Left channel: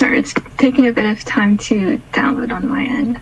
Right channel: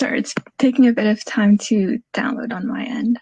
Sorry, it's taking a bit of time to download on my end.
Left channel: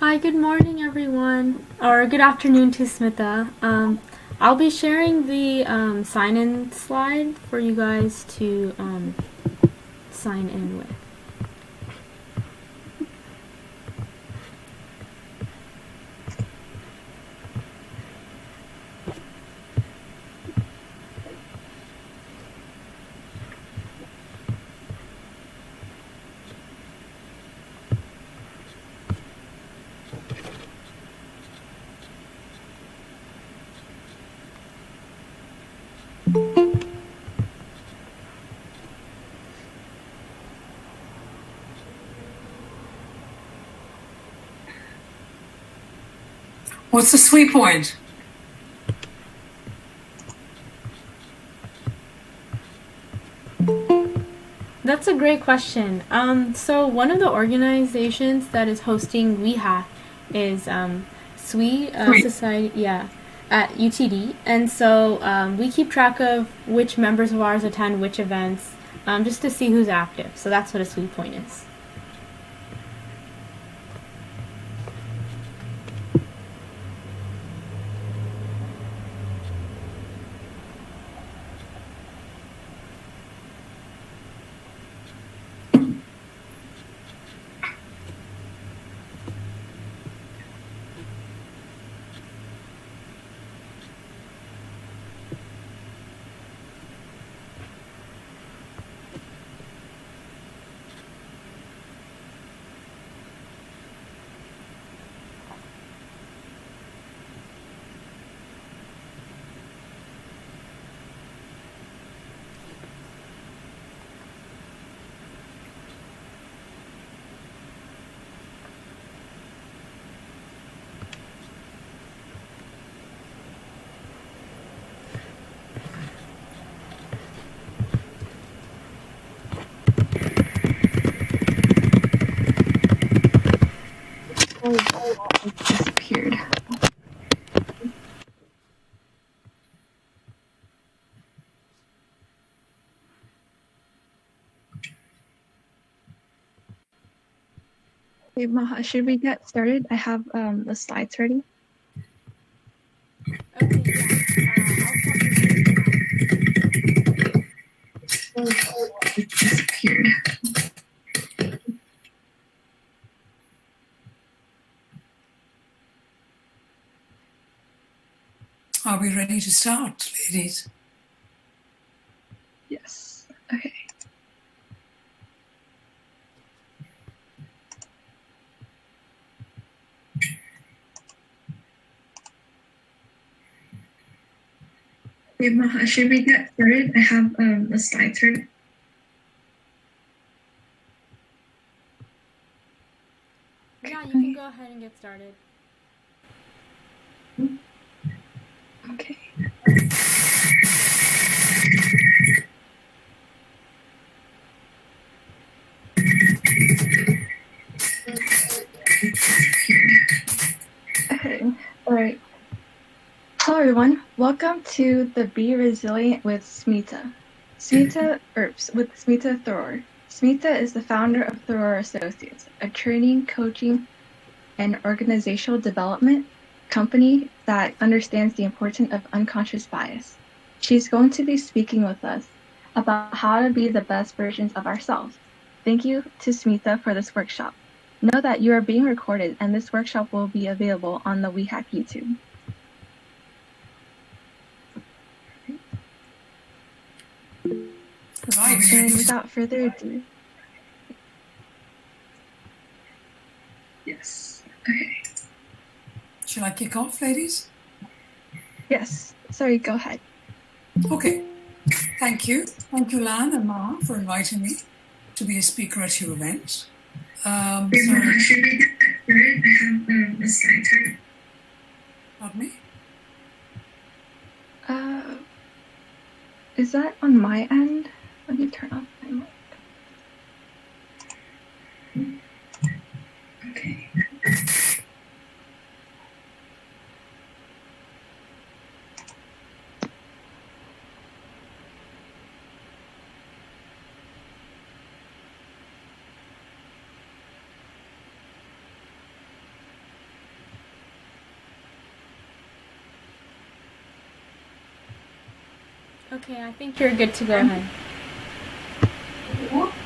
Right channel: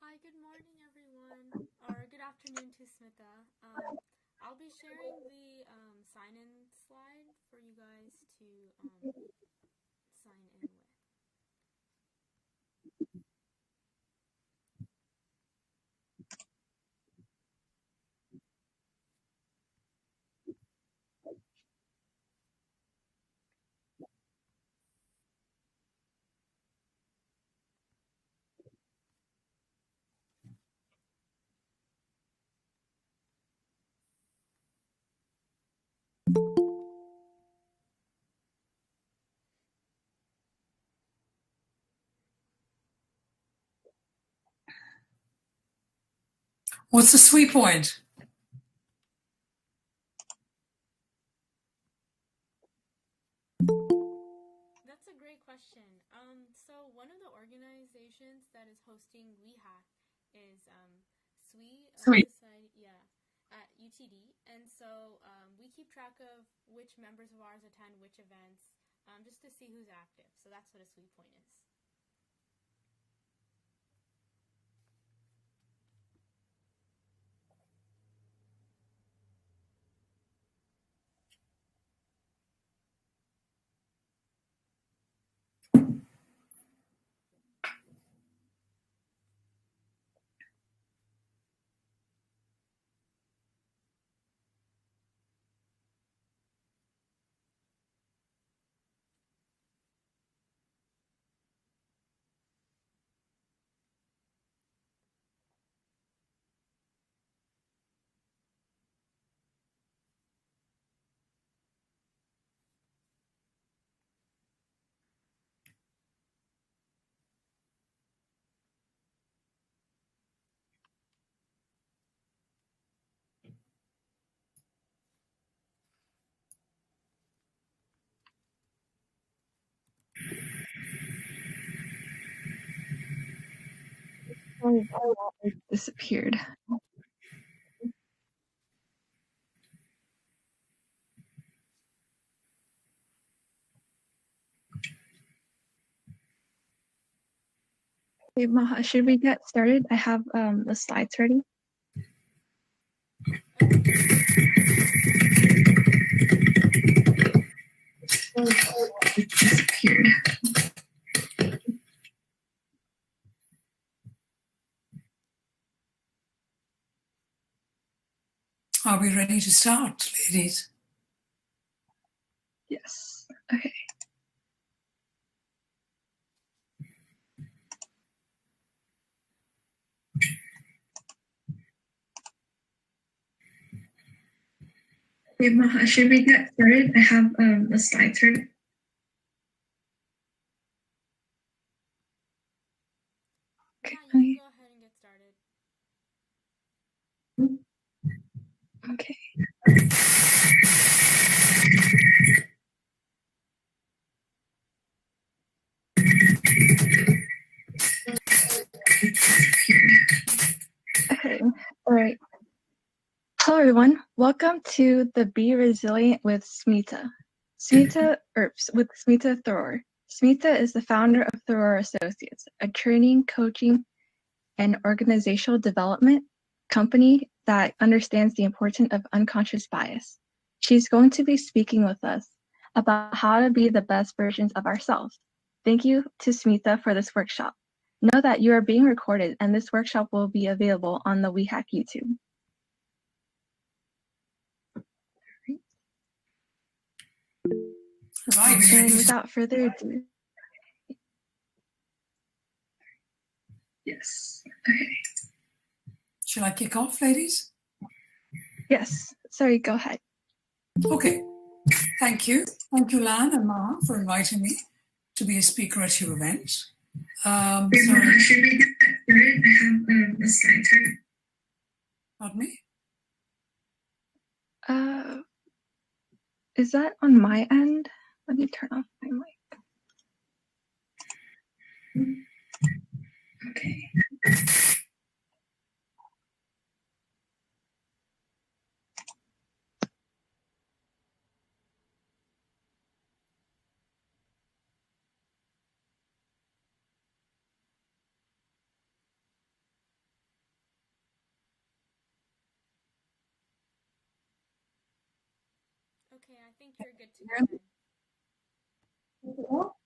Hi, good morning everyone, or good afternoon to Smita. I'll be sharing the sign-in slide for you guys to sign in with. What's the sweet point? That's a great question. So one of the organizations that is hosting WEHack is SWE Society, yeah, at UTD, and so we keep track of which members of ours attend which events, just to see who's active. So that's what a SWE point is. It disappeared. Okay, Maha, should we get started? I have the slides ready. It disappeared. Are we ready to start, ladies? Yes. Okay. Okay, Maha, should we get started? I have the slides ready. Yeah, you can go ahead and get started. Okay. Okay. All right. Hello, everyone. Welcome to the Be Resilient with Smita. Smita Tharoor. Smita is the founder of Tharoor Associates, a training, coaching, and organizational development company that understands the importance of unconscious bias. She's going to be speaking with us about how to be the best versions of ourselves. Thank you to Smita for this workshop. Know that you are being recorded and this workshop will be available on the WEHack YouTube. Right. And without further ado. Yes. Okay. Shall I kick off, ladies? Yes. Sorry, go ahead. Okay. Thank you. Thank you, Lan and Ma, for inviting me to be a speaker at your event. Should we get started? I have the slides ready. Pardon me? Is that on my end? Let me turn off my mic. Okay. Okay, I think you're good to go ahead.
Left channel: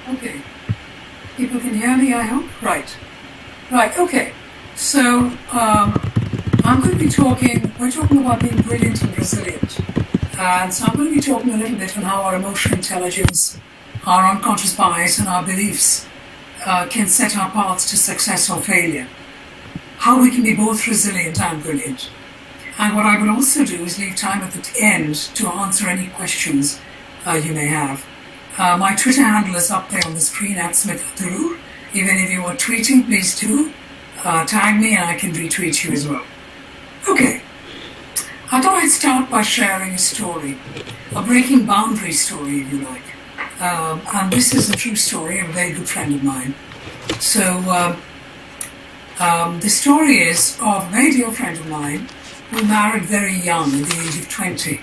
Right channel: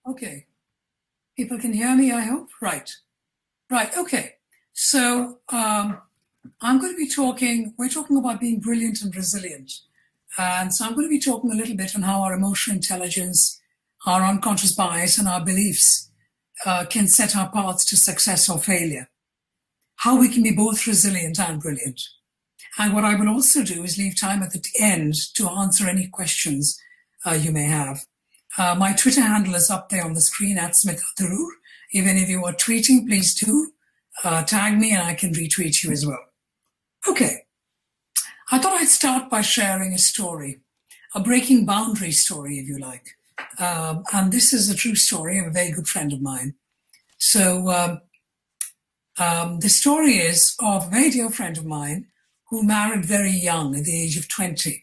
Okay. People can hear me, I hope? Right. Right, okay. So, I'm going to be we're talking about being brilliant and resilient. And so I'm going to be talking a little bit on how our emotional intelligence, our unconscious bias, and our beliefs can set our paths to success or failure. How we can be both resilient and brilliant. And what I will also do is leave time at the end to answer any questions you may have. My Twitter handle is up there on the screen at Smita Tharoor. If any of you are tweeting, please do tag me and I can retweet you as well. Okay. I thought I'd start by sharing a story, a breaking boundary story, if you like. And this is a true story of a very good friend of mine. So the story is of a very dear friend of mine who married very young at the age of 20.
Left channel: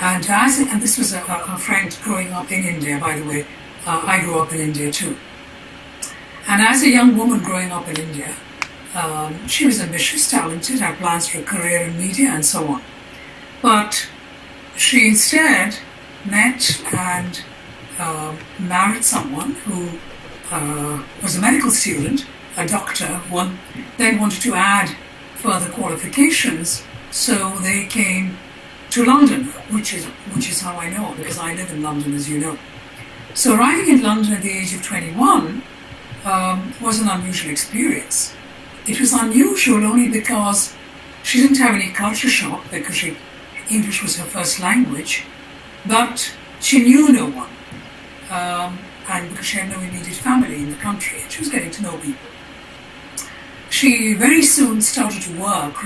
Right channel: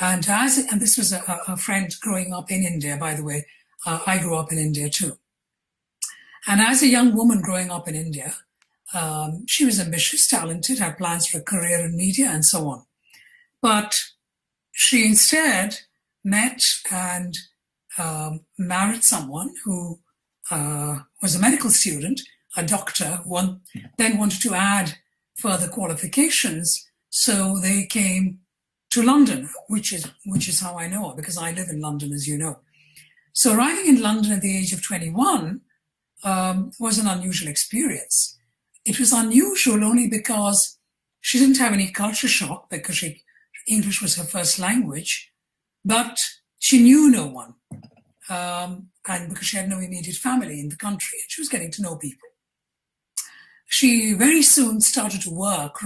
And this was a friend growing up in India, by the way. I grew up in India too. And as a young woman growing up in India, she was ambitious, talented, had plans for a career in media and so on. But she instead met and married someone who was a medical student, a doctor, then wanted to add further qualifications, so they came to London, which is how I know, because I live in London, as you know. So arriving in London at the age of 21 was an unusual experience. It was unusual only because she didn't have any culture shock, because English was her first language, but she knew no one, and because she had no immediate family in the country, and she was getting to know people. She very soon started to work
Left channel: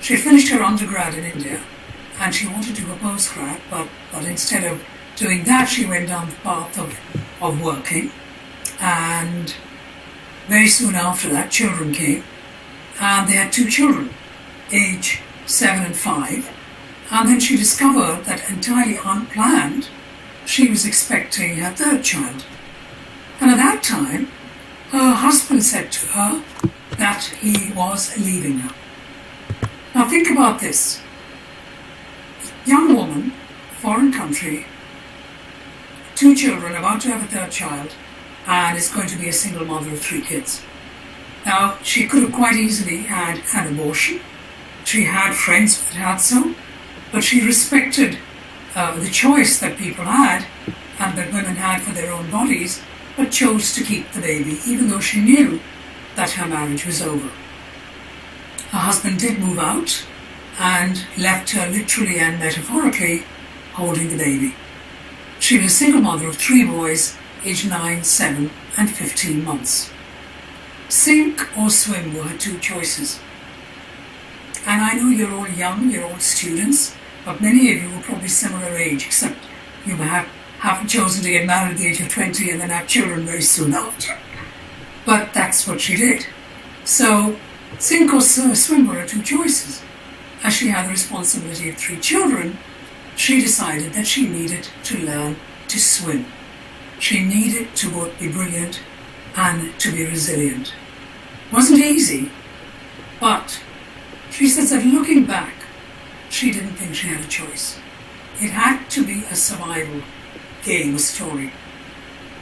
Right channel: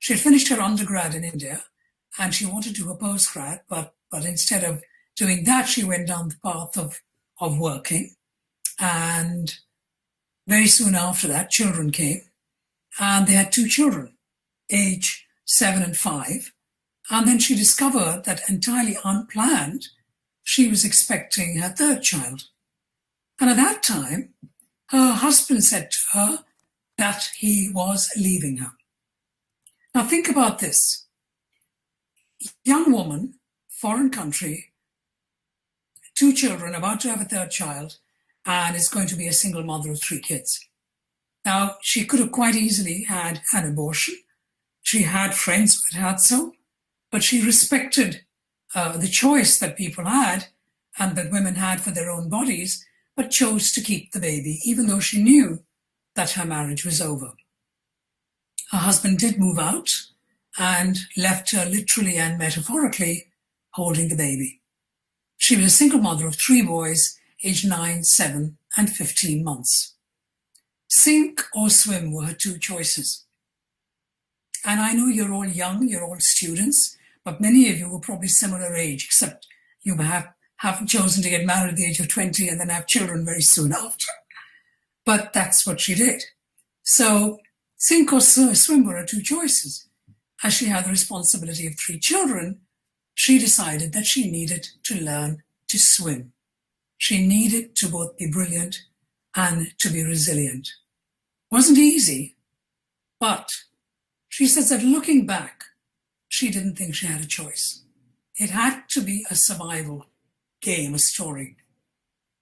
she had finished her undergrad in India and she wanted to do a postgrad, but instead of doing that, she went down the path of working. And very soon after that, children came. and they had 2 children, age 7 and 5. And then she discovered that entirely unplanned, she was expecting her 3rd child. And at that time, her husband said to her that he was leaving her. Now think about this. Young woman, foreign country, 2 children, about to have a 3rd child, and is going to be a single mother of 3 kids. Now, she could have quite easily had an abortion. She had friends that had so, but she respected the choice that people had and that women had for their own bodies, but chose to keep the baby, even though she knew that her marriage was over. Her husband did move out and left her literally and metaphorically holding the baby. She was a single mother of 3 boys, aged 9, 7, and 15 months. Sink or swim were her 2 choices. And I know you're all young, you're all students, but many of you are probably similar age, except you have chosen to get married at the age of 20 and then have children very soon after. But that's what she did. So, sink or swim were her 2 choices. As she had the responsibility of 3 children, she decided that she needed to learn to swim. She needed to both be brilliant and to be resilient. Wasn't easy, but she says that looking back, she didn't think she had a choice. It had to be a survival game, a story.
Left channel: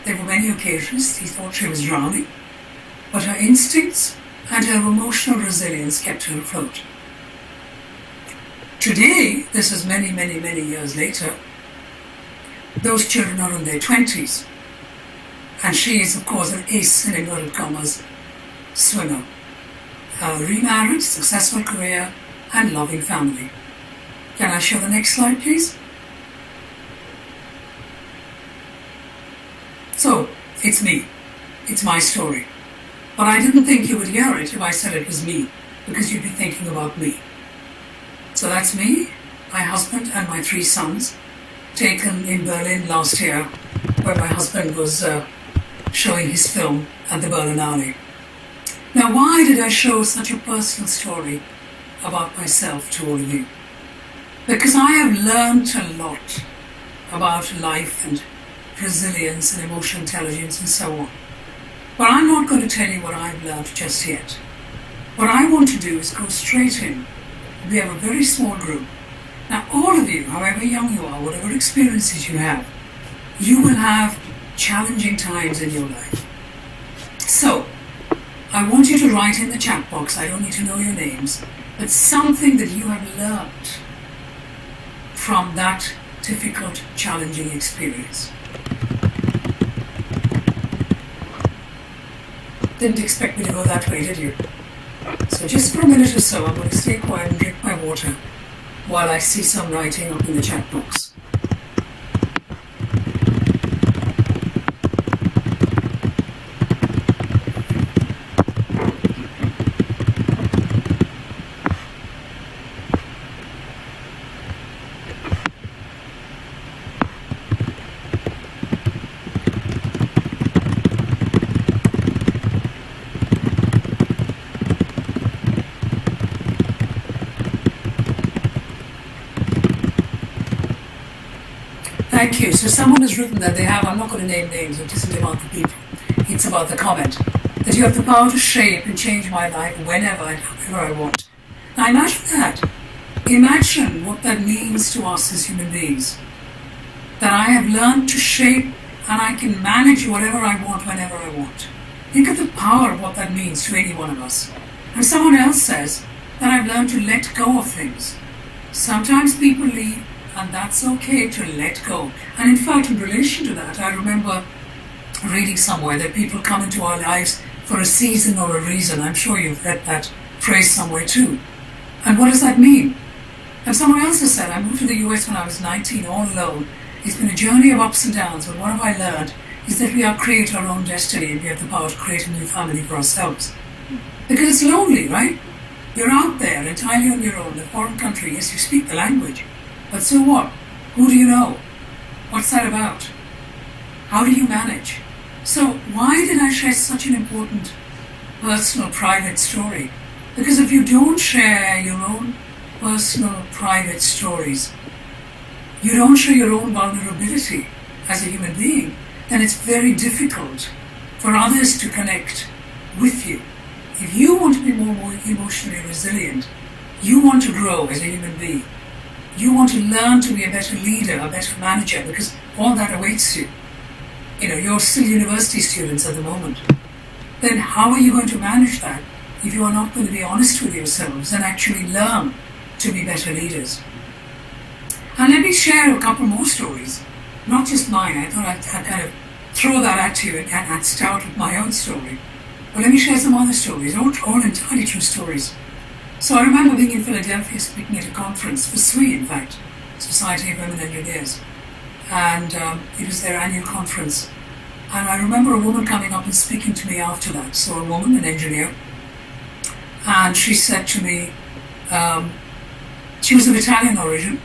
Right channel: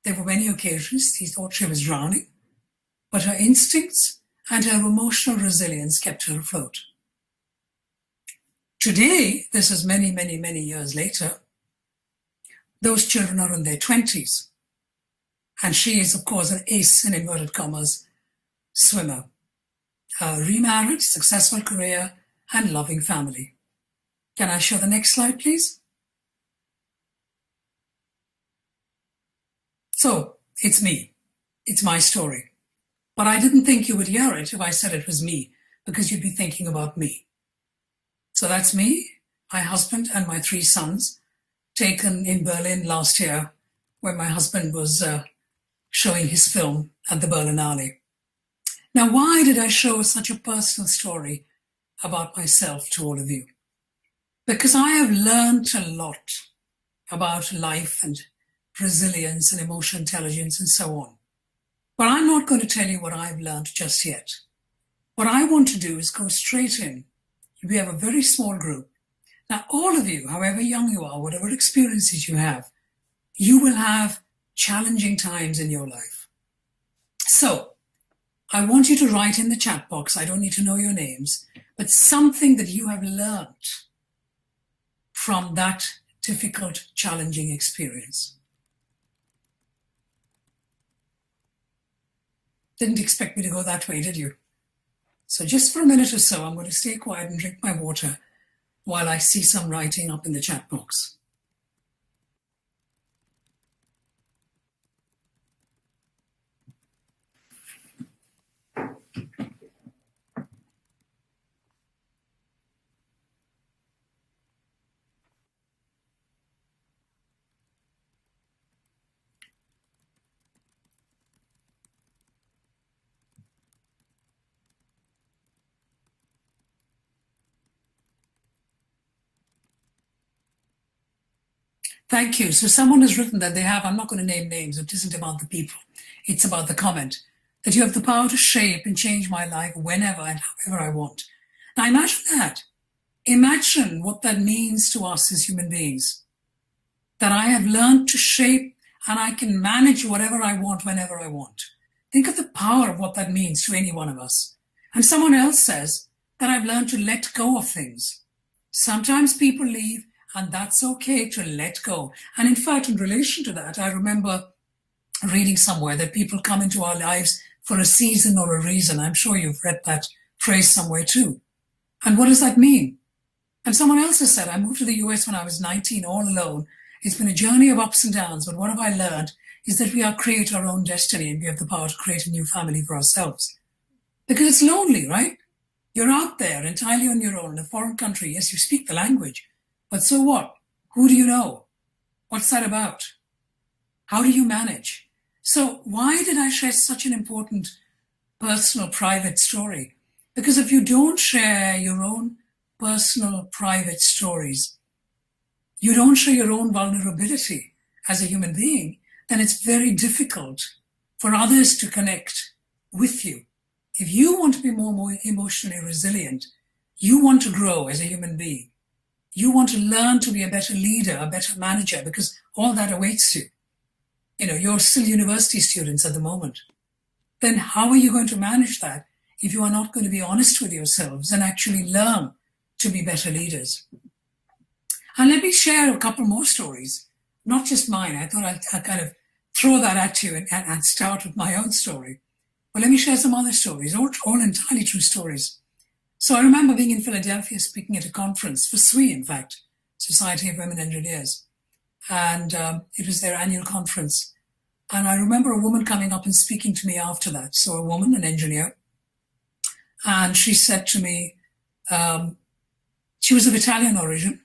There were many occasions she thought she was drowning, but her instincts and her emotional resilience kept her afloat. Today, this is many, many, many years later, those children are in their 20s. And she is, of course, an ace, in inverted commas, swimmer. Remarried, successful career, and loving family. Can I show the next slide, please? So, it's me. It's my story. But I didn't think you would hear it if I said it was me, because you'd be thinking about me. So that's me, my husband, and my 3 sons, taken in Berlin last year, where my husband was showing his film at the Berlinale. Now, why did I show such a personal story about myself to all of you? Because I have learned a lot about life and resilience and emotional intelligence and so on. But I'm not going to tell you what I've learned just yet. What I want to do is go straight in. We have a very small group. Now, all of you, however young you are, whatever experiences you have, you will have challenging times in your life. So, I want you to write in the chat box, I don't need to know your names, but something that you have learned from that difficult, challenging experience. Didn't expect me to go that way, did you? So just for a minute or so, I'm going to stay quiet and drink my water while I see some writing up in the chat box. Thank you. So someone has written that they have, I'm not going to name names, it isn't about the people, it's about the comment, that you have the power to shape and change my life whenever and however I want. Now imagine that. Imagine what that means to us as human beings. That I have learned to shape and I can manage whatever I want whenever I want. Think of the power of what that means to any one of us. And someone else says that I've learned to let go of things. Sometimes people leave, and that's okay to let go. And in fact, in relation to that, I remember reading somewhere that people come into our lives for a season or a reason. I'm sure you've read that phrase somewhere too. And what does that mean? And someone else has said, I moved to the US when I was 19, all alone. It's been a journey of ups and downs, but what have I learned is that we are create our own destiny and we have the power to create a new family for ourselves. Because it's lonely, right? You're out there entirely on your own in a foreign country. Yes, you speak the language. But so what? Who do you know? What's that about? How do you manage? So why did I share such an important, personal, private story? Because if you don't share your own personal, private stories, you don't show your own vulnerability as a human being, then it's very difficult for others to connect with you. If you want to be more emotionally resilient, you want to grow as a human being, you want to learn to be a better leader, a better manager, because all that awaits you. You're still university students at the moment. Then how are you going to manage that if you are not going to be honest with yourselves and actually learn to be better leaders? And let me share a couple more stories, not just mine. I thought I'd kind of throw that at you and start with my own story. But let me share some other stories, all entirely true stories. So I remember being in Philadelphia speaking at a conference for SWE, in fact, Society of Women Engineers. And it was their annual conference. And I remember a woman coming up and speaking to me after that. So a woman, an engineer, and she said to me, she was of Italian origin,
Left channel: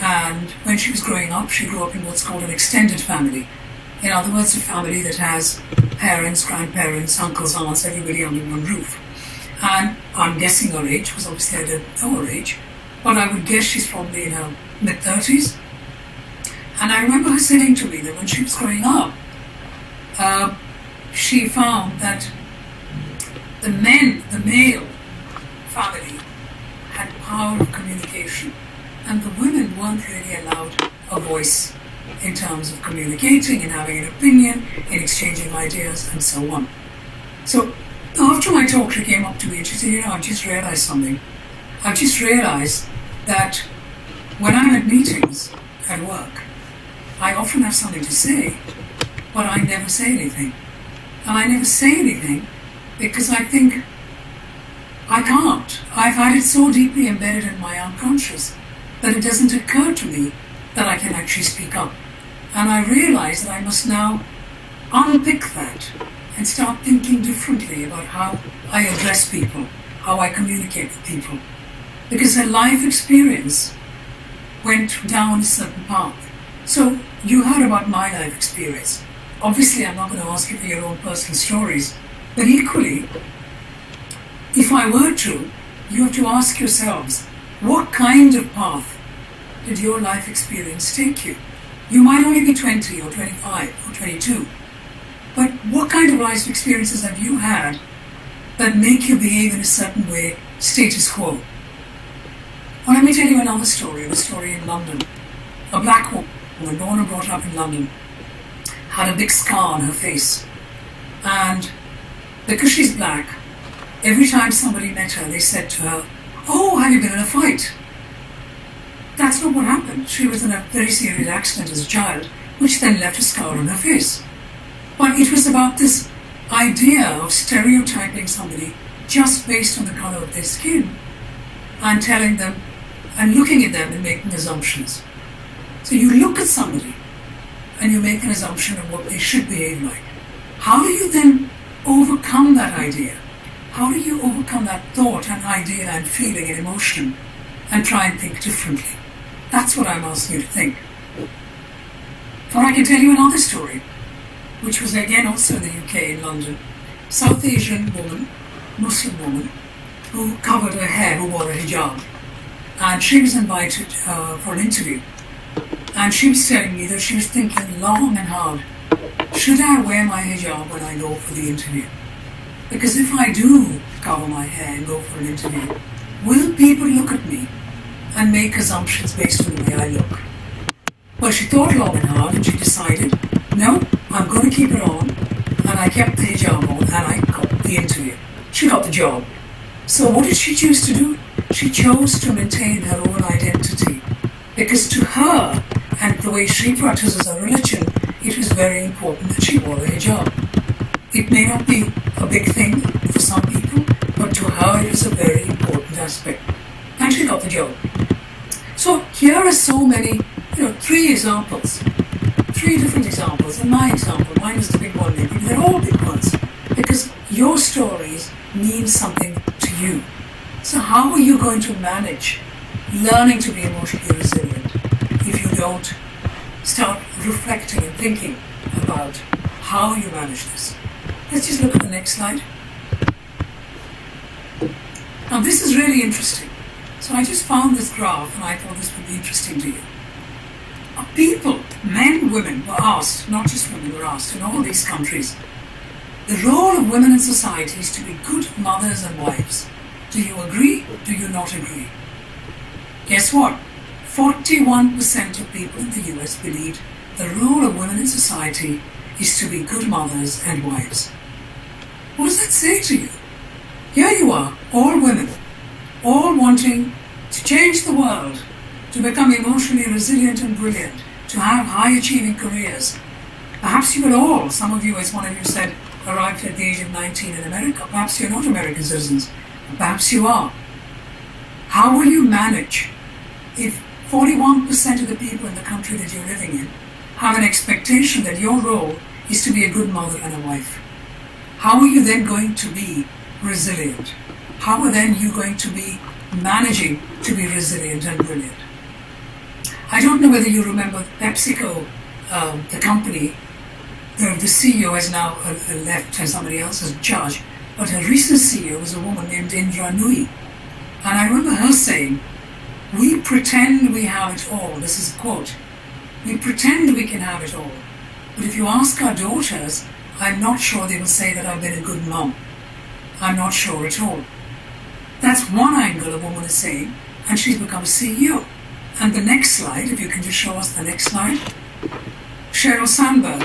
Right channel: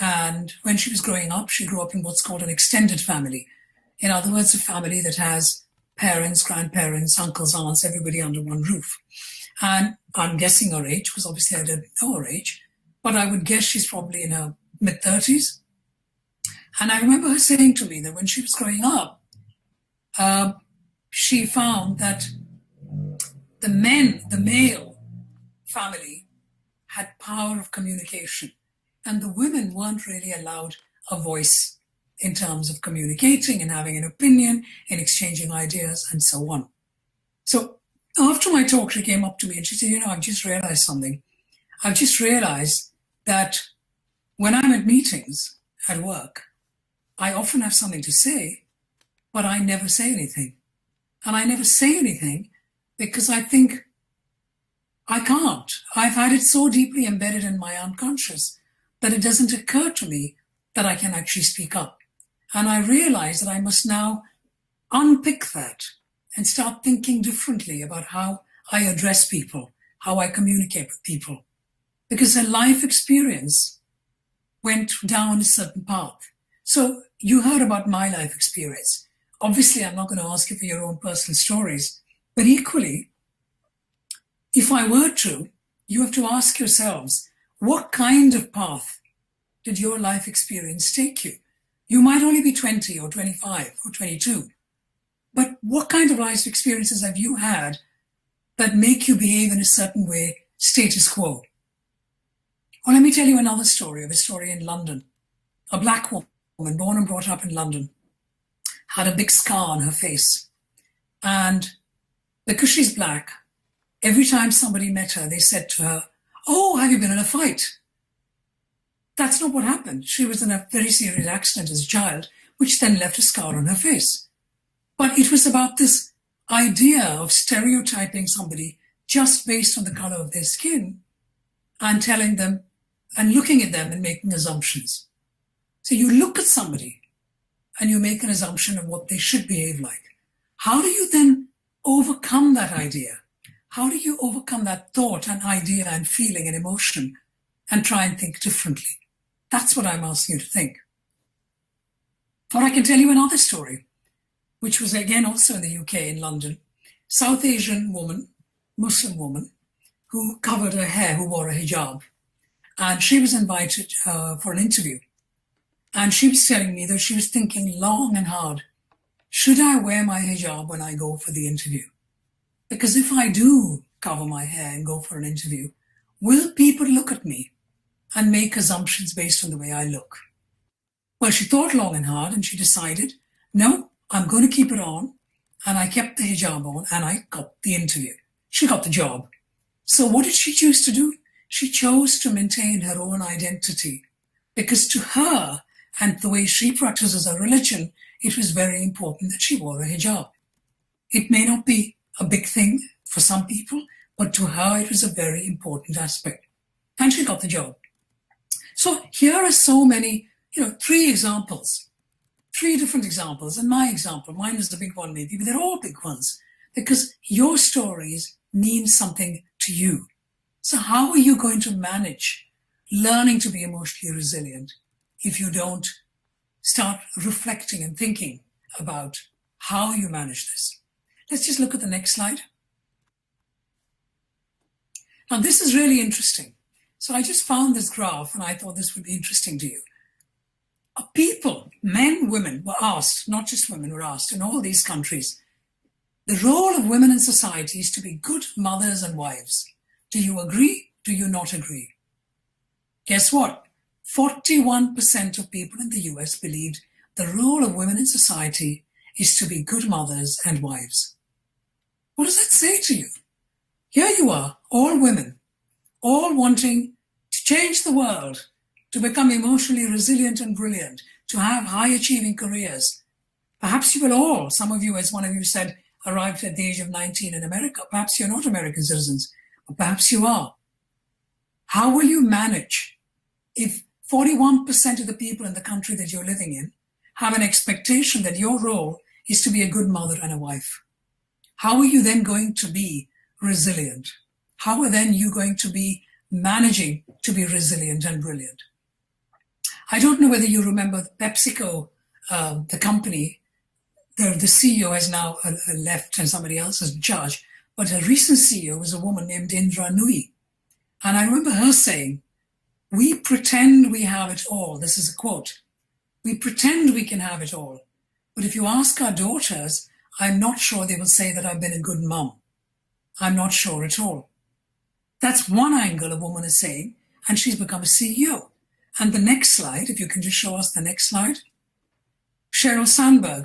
and when she was growing up, she grew up in what's called an extended family. In other words, a family that has parents, grandparents, uncles, aunts, everybody under one roof. And I'm guessing her age, because obviously I don't know her age, but I would guess she's probably in her mid-30s. And I remember her saying to me that when she was growing up, she found that the male family had power of communication, and the women weren't really allowed a voice in terms of communicating and having an opinion, in exchanging ideas, and so on. So after my talk, she came up to me and she said, I've just realized something. I've just realized that when I'm at meetings at work, I often have something to say, but I never say anything. And I never say anything because I think I can't. I've had it so deeply embedded in my unconscious that it doesn't occur to me that I can actually speak up. And I realize that I must now unpick that and start thinking differently about how I address people, how I communicate with people. Because her life experience went down a certain path. So you heard about my life experience. Obviously, I'm not going to ask you for your own personal stories, but equally, if I were to, you have to ask yourselves, what kind of path did your life experience take you? You might only be 20 or 25 or 22, but what kind of life experiences have you had that make you behave in a certain way, status quo? Well, let me tell you another story, a story in London. A black woman, born and brought up in London, had a big scar on her face. And because she's black, every time somebody met her, they said to her, "Oh, have you been in a fight?" That's not what happened. She was in a very serious accident as a child, which then left a scar on her face. But it was about this idea of stereotyping somebody just based on the color of their skin and telling them and looking at them and making assumptions. So you look at somebody and you make an assumption of what they should behave like. How do you then overcome that idea? How do you overcome that thought and idea and feeling and emotion and try and think differently? That's what I'm asking you to think. But I can tell you another story, which was again also in the UK, in London. South Asian woman, Muslim woman, who covered her hair, who wore a hijab. And she was invited for an interview. And she was telling me that she was thinking long and hard, should I wear my hijab when I go for the interview? Because if I do cover my hair and go for an interview, will people look at me and make assumptions based on the way I look? Well, she thought long and hard and she decided, no, I'm going to keep it on. And I kept the hijab on and I got the interview. She got the job. So what did she choose to do? She chose to maintain her own identity. Because to her, and the way she practices her religion, it was very important that she wore a hijab. It may not be a big thing for some people, but to her it was a very important aspect. And she got the job. So here are so many, three different examples. And my example, mine was the big one maybe, but they're all big ones. Because your stories mean something to you. So how are you going to manage learning to be emotionally resilient if you don't start reflecting and thinking about how you manage this? Let's just look at the next slide. Now this is really interesting. So I just found this graph and I thought this would be interesting to you. People, men, women, were asked, not just women, were asked in all these countries, the role of women in society is to be good mothers and wives. Do you agree? Do you not agree? Guess what? 41% of people in the US believed the role of women in society is to be good mothers and wives. What does that say to you? Here you are, all women, all wanting to change the world, to become emotionally resilient and brilliant, to have high-achieving careers. Perhaps you will all, some of you, as one of you said, arrived at the age of 19 in America. Perhaps you're not American citizens. Perhaps you are. How will you manage if 41% of the people in the country that you're living in have an expectation that your role is to be a good mother and a wife? How are you then going to be resilient? How are then you going to be managing to be resilient and brilliant? I don't know whether you remember PepsiCo, the company. The CEO has now left and somebody else is in charge, but her recent CEO was a woman named Indra Nooyi. And I remember her saying, "We pretend we have it all." This is a quote. "We pretend we can have it all. But if you ask our daughters, I'm not sure they will say that I've been a good mom. I'm not sure at all." That's one angle a woman is saying, and she's become a CEO. And the next slide, if you can just show us the next slide. Sheryl Sandberg,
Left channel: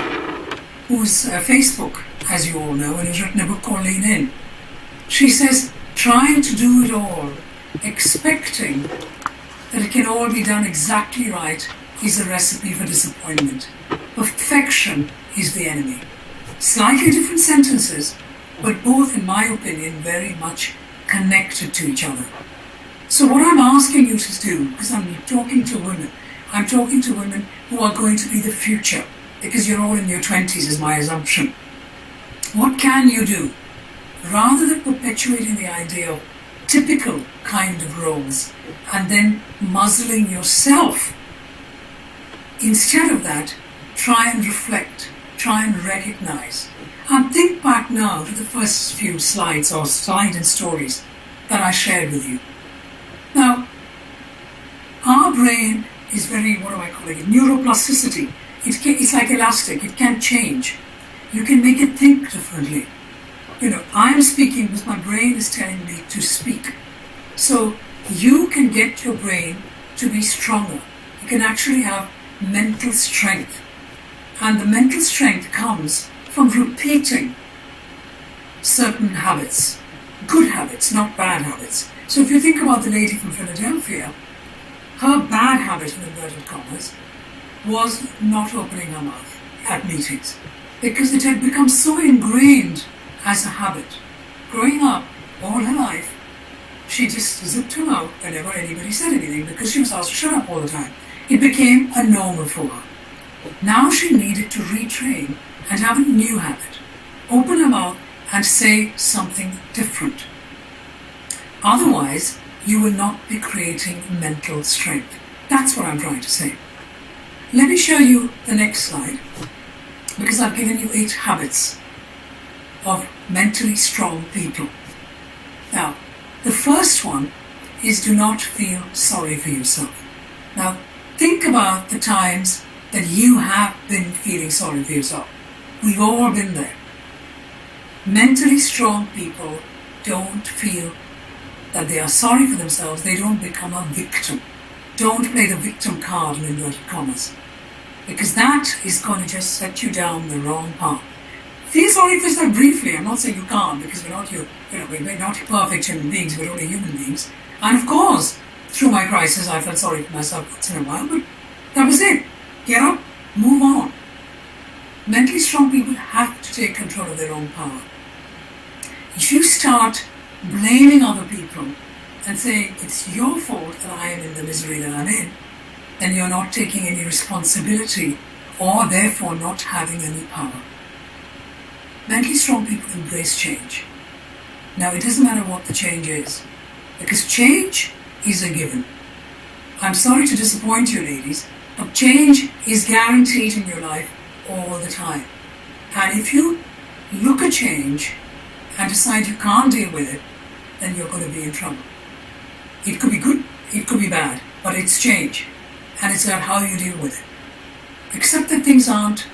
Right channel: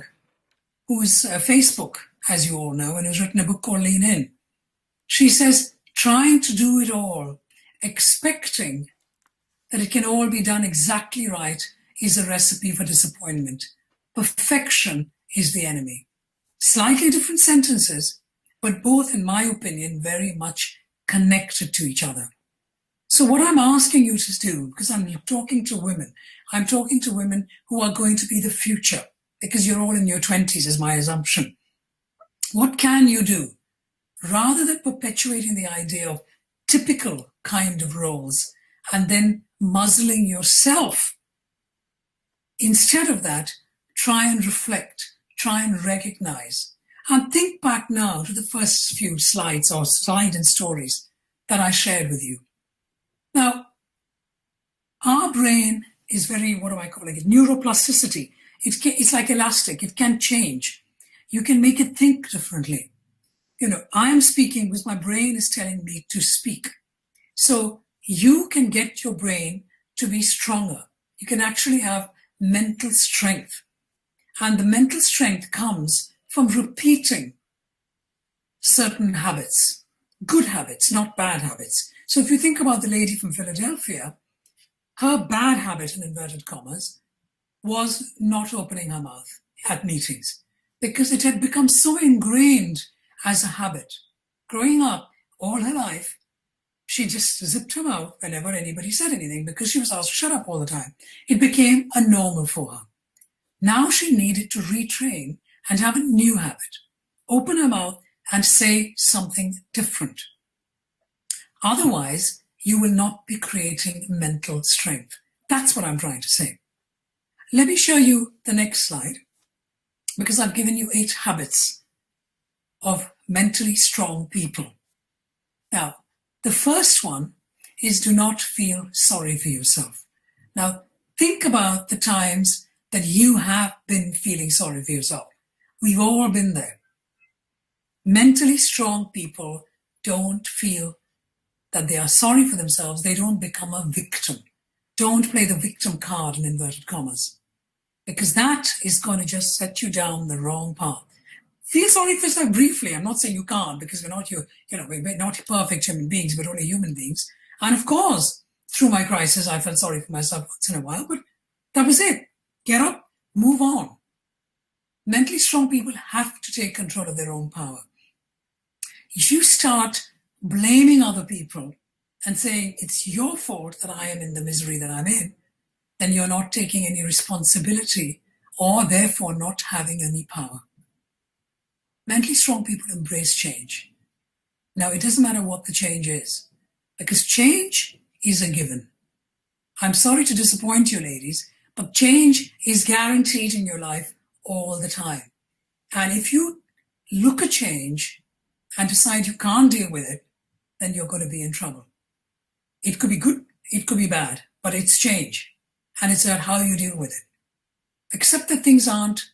who's Facebook, as you all know, and has written a book called Lean In. She says, trying to do it all, expecting that it can all be done exactly right, is a recipe for disappointment. Perfection is the enemy. Slightly different sentences, but both, in my opinion, very much connected to each other. So what I'm asking you to do, because I'm talking to women who are going to be the future, because you're all in your 20s is my assumption. What can you do? Rather than perpetuating the idea of typical kind of roles and then muzzling yourself, instead of that, try and reflect, try and recognize, and think back now to the first few slides or slide and stories that I shared with you. Now, our brain is very, what do I call it, neuroplasticity. It's like elastic, it can change. You can make it think differently. I'm speaking because my brain is telling me to speak. So you can get your brain to be stronger. You can actually have mental strength. And the mental strength comes from repeating certain habits, good habits, not bad habits. So if you think about the lady from Philadelphia, her bad habit, in inverted commas, was not opening her mouth at meetings because it had become so ingrained as a habit. Growing up all her life, she just zipped her mouth whenever anybody said anything because she was asked to shut up all the time. It became a normal for her. Now she needed to retrain and have a new habit. Open her mouth and say something different. Otherwise, you will not be creating mental strength. That's what I'm trying to say. Let me show you the next slide, because I've given you 8 habits of mentally strong people. Now, the first one is do not feel sorry for yourself. Now, think about the times that you have been feeling sorry for yourself. We've all been there. Mentally strong people don't feel that they are sorry for themselves. They don't become a victim. Don't play the victim card in inverted commas, because that is going to just set you down the wrong path. Feel sorry for yourself briefly. I'm not saying you can't, because we're not perfect human beings. We're only human beings. And of course, through my crisis, I felt sorry for myself once in a while, but that was it. Get up, move on. Mentally strong people have to take control of their own power. If you start blaming other people and saying it's your fault that I am in the misery that I'm in, then you're not taking any responsibility or therefore not having any power. Mentally strong people embrace change. Now, it doesn't matter what the change is, because change is a given. I'm sorry to disappoint you, ladies, but change is guaranteed in your life all the time. And if you look at change and decide you can't deal with it, then you're going to be in trouble. It could be good, it could be bad, but it's change. And it's about how you deal with it. Accept that things aren't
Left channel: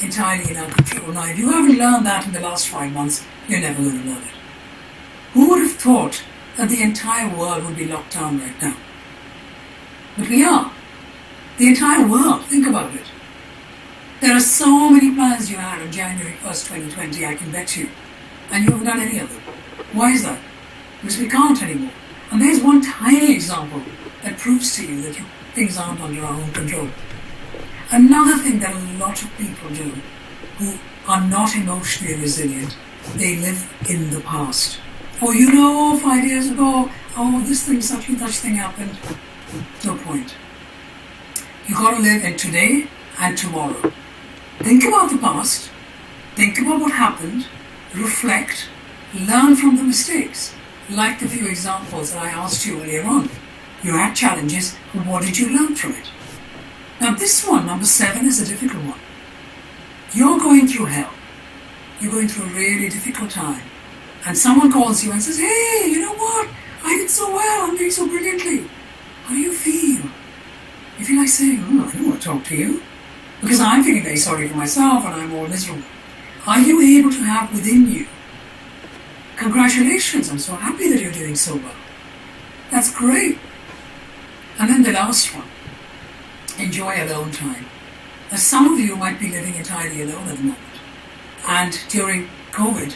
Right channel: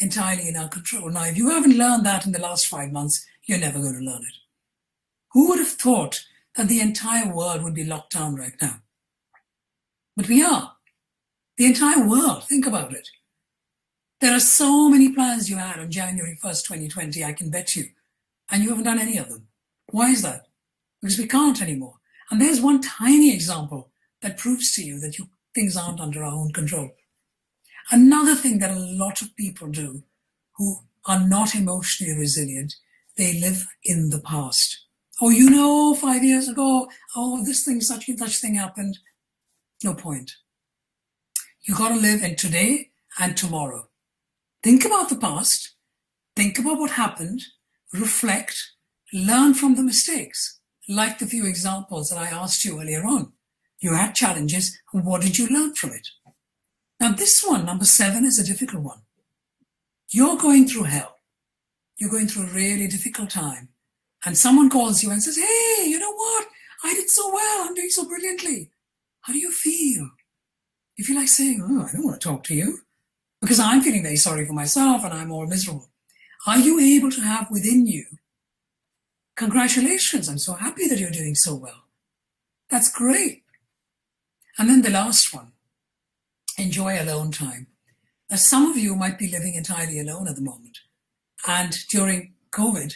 entirely in our control. Now, if you haven't learned that in the last 5 months, you're never going to learn it. Who would have thought that the entire world would be locked down right now? But we are. The entire world. Think about it. There are so many plans you had on January 1st, 2020, I can bet you. And you haven't done any of them. Why is that? Because we can't anymore. And there's one tiny example that proves to you that things aren't under our own control. Another thing that a lot of people do who are not emotionally resilient, they live in the past. Oh, 5 years ago, this thing, such and such thing happened. No point. You got to live in today and tomorrow. Think about the past. Think about what happened. Reflect. Learn from the mistakes. Like the few examples that I asked you earlier on. You had challenges. What did you learn from it? Now this one, number 7, is a difficult one. You're going through hell. You're going through a really difficult time. And someone calls you and says, hey, you know what? I did so well. I'm doing so brilliantly. How do you feel? You feel like saying, I don't want to talk to you. Because I'm feeling very sorry for myself and I'm all miserable. Are you able to have within you, congratulations, I'm so happy that you're doing so well. That's great. And then the last one, enjoy alone time. Now some of you might be living entirely alone at the moment. And during COVID,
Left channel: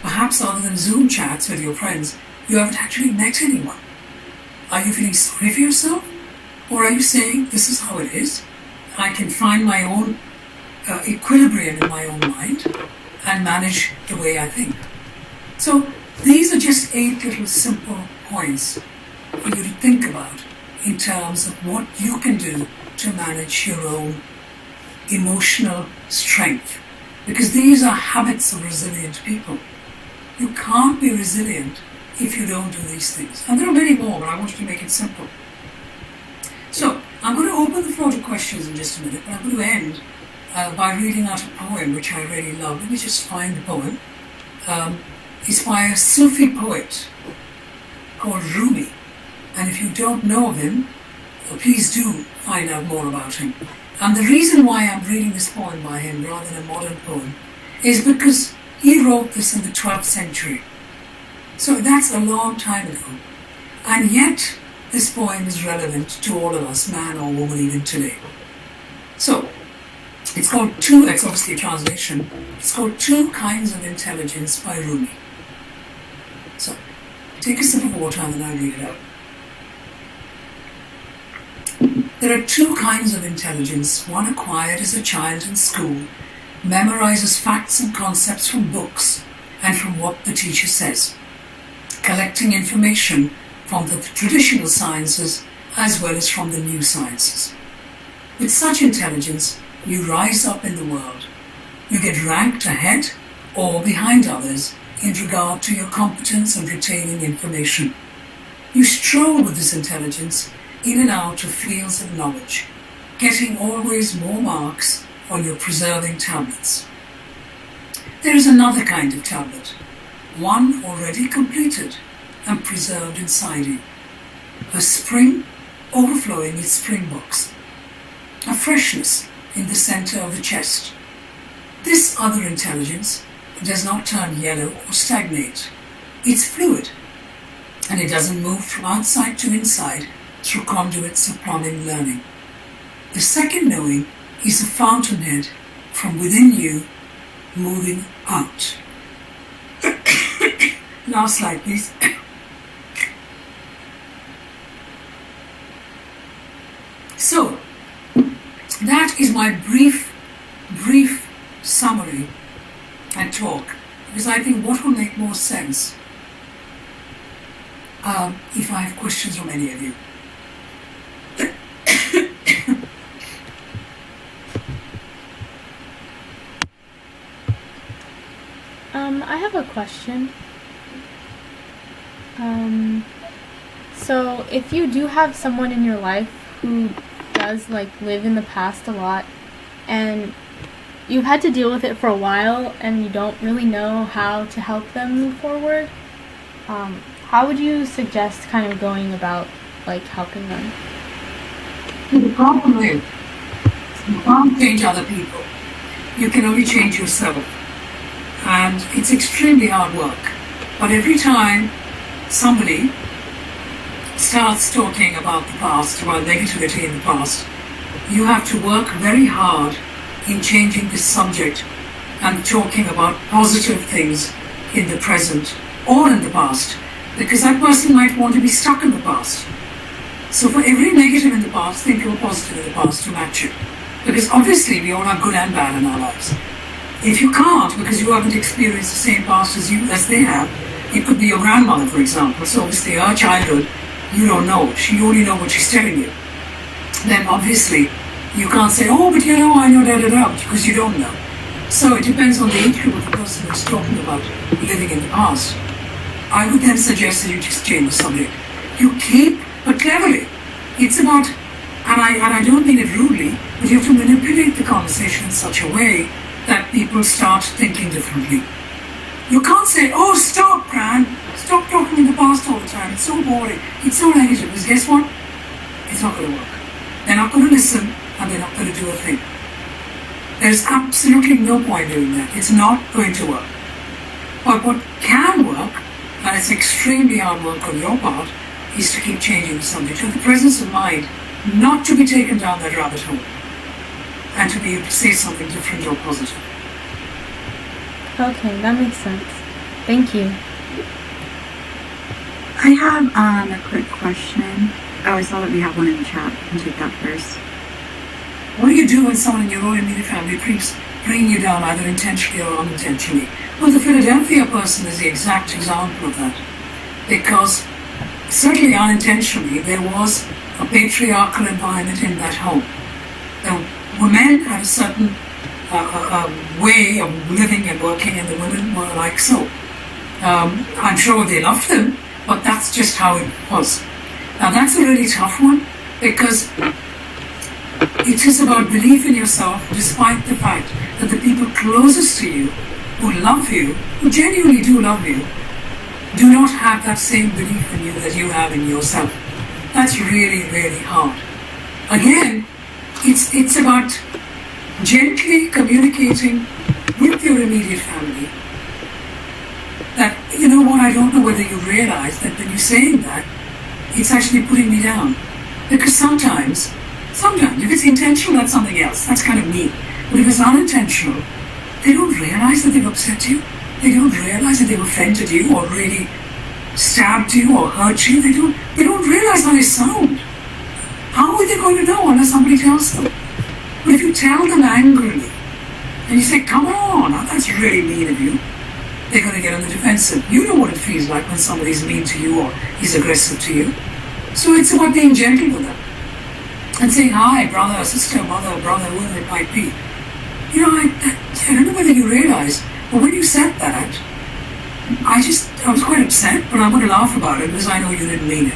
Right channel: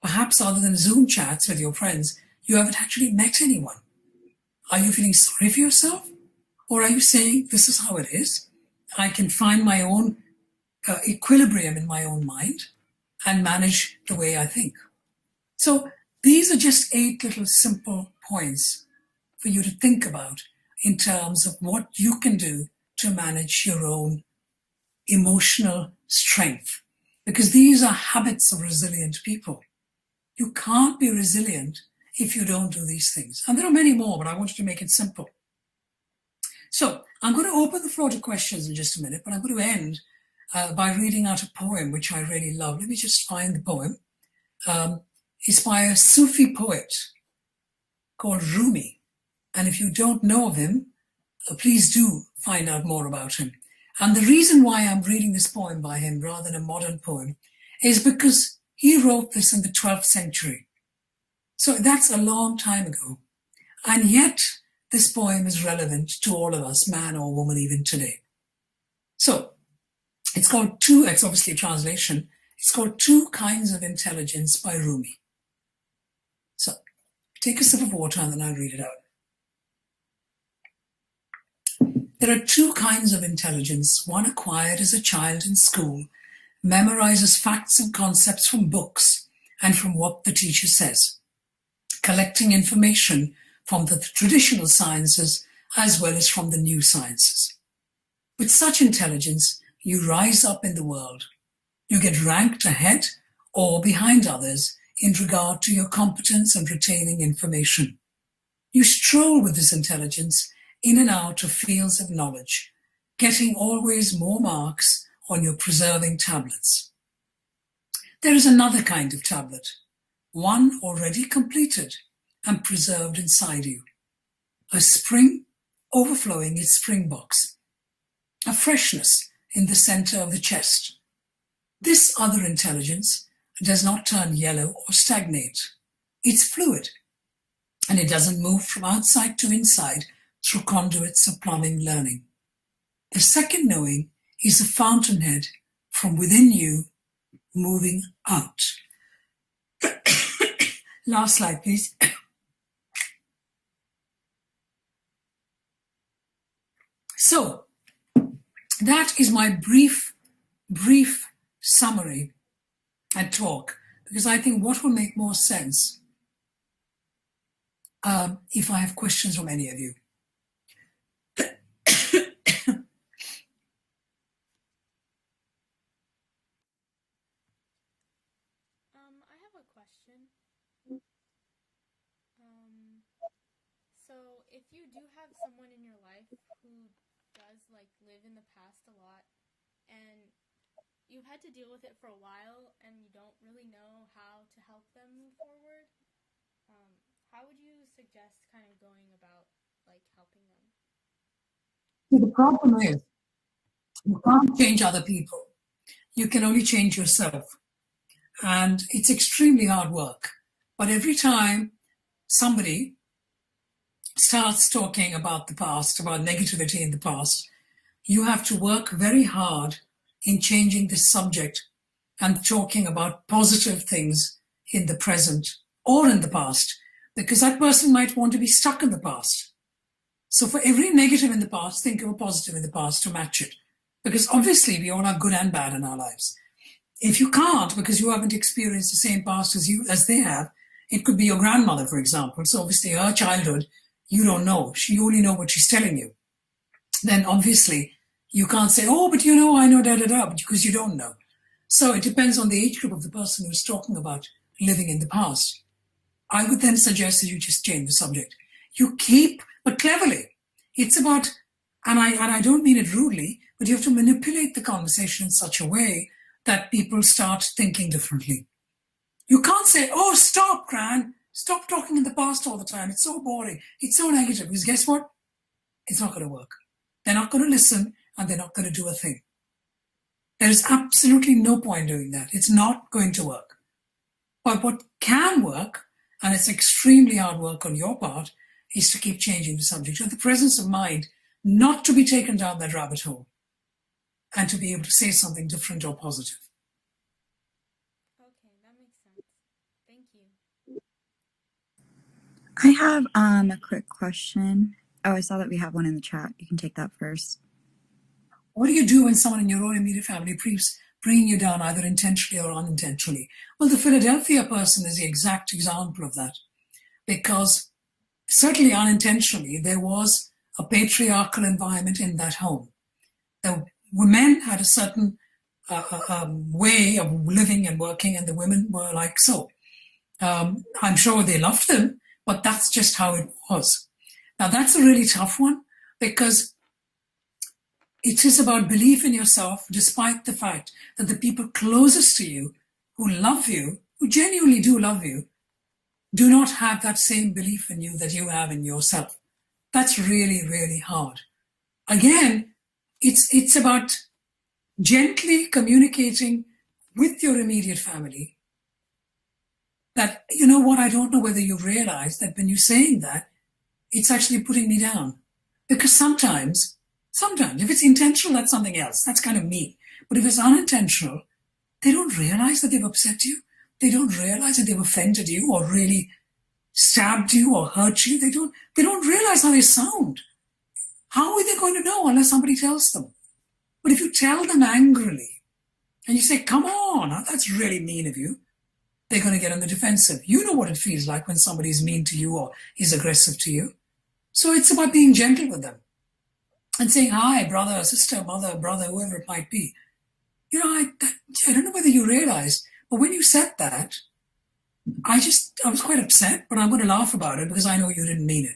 perhaps other than Zoom chats with your friends, you haven't actually met anyone. Are you feeling sorry for yourself? Or are you saying, this is how it is? I can find my own equilibrium in my own mind and manage the way I think. So these are just 8 little simple points for you to think about in terms of what you can do to manage your own emotional strength. Because these are habits of resilient people. You can't be resilient if you don't do these things. And there are many more, but I wanted to make it simple. So I'm going to open the floor to questions in just a minute, but I'm going to end by reading out a poem which I really love. Let me just find the poem. It's by a Sufi poet called Rumi. And if you don't know of him, please do find out more about him. And the reason why I'm reading this poem by him rather than a modern poem is because he wrote this in the 12th century. So that's a long time ago. And yet, this poem is relevant to all of us, man or woman, even today. So, it's obviously a translation. It's called 2 Kinds of Intelligence by Rumi. So, take a sip of water and then I'll read it out. There are 2 kinds of intelligence, one acquired as a child in school, memorizes facts and concepts from books and from what the teacher says, collecting information from the traditional sciences as well as from the new sciences. With such intelligence, you rise up in the world. You get ranked ahead or behind others in regard to your competence and retaining information. You stroll with this intelligence in and out of fields of knowledge, getting always more marks on your preserving tablets. There is another kind of tablet, one already completed and preserved inside you, a spring overflowing its spring box, a freshness in the center of the chest. This other intelligence does not turn yellow or stagnate. It's fluid, and it doesn't move from outside to inside through conduits of plumbing learning. The second knowing is a fountainhead from within you moving out. Last slide, please. So, that is my brief summary and talk, because I think what will make more sense if I have questions from any of you. I have a question. So if you do have someone in your life who does live in the past a lot, and you've had to deal with it for a while and you don't really know how to help them move forward, how would you suggest kind of going about like helping them? The problem is, you can't change other people. You can only change yourself. And it's extremely hard work. But every time somebody starts talking about the past, about negativity in the past, you have to work very hard in changing this subject and talking about positive things in the present or in the past, because that person might want to be stuck in the past. So for every negative in the past, think of a positive in the past to match it. Because obviously we all have good and bad in our lives. If you can't, because you haven't experienced the same past as they have, it could be your grandmother, for example. So obviously her childhood, you don't know. She only knows what she's telling you. Then obviously you can't say, oh, but I know da-da-da, because you don't know. So it depends on the age group of the person who's talking about living in the past. I would then suggest that you just change the subject. You keep, but cleverly. It's about, and I don't mean it rudely, but you have to manipulate the conversation in such a way that people start thinking differently. You can't say, oh, stop, Gran. Stop talking in the past all the time. It's so boring. It's so negative. Because guess what? It's not going to work. They're not going to listen, and they're not going to do a thing. There's absolutely no point doing that. It's not going to work. But what can work, and it's extremely hard work on your part, is to keep changing the subject. Have the presence of mind not to be taken down that rabbit hole, and to be able to say something different or positive. Okay, that makes sense. Thank you. I have a quick question. Oh, I saw that we have one in the chat. I can take that first. What do you do when someone in your own immediate family keeps bringing you down, either intentionally or unintentionally? Well, the Philadelphia person is the exact example of that. Because certainly unintentionally, there was a patriarchal environment in that home. The women had a certain way of living and working, and the women were like so. I'm sure they loved them, but that's just how it was. Now that's a really tough one, because it is about belief in yourself, despite the fact that the people closest to you, who love you, who genuinely do love you, do not have that same belief in you that you have in yourself. That's really, really hard. Again, it's about gently communicating with your immediate family that, you know what, I don't know whether you realize that when you're saying that, it's actually putting me down. Because sometimes, if it's intentional, that's something else. That's kind of me. But if it's unintentional, they don't realize that they've upset you. They don't realize that they've offended you or really stabbed you or hurt you. They don't realize how they sound. How are they going to know unless somebody tells them? But if you tell them angrily, and you say, come on, that's really mean of you, they're going to get on the defensive. You know what it feels like when somebody's mean to you or is aggressive to you. So it's about being gentle with them and saying, hi, brother, sister, mother, brother, whoever it might be. You know, I don't know whether you realize, but when you said that, I was quite upset, but I'm going to laugh about it because I know you didn't mean it.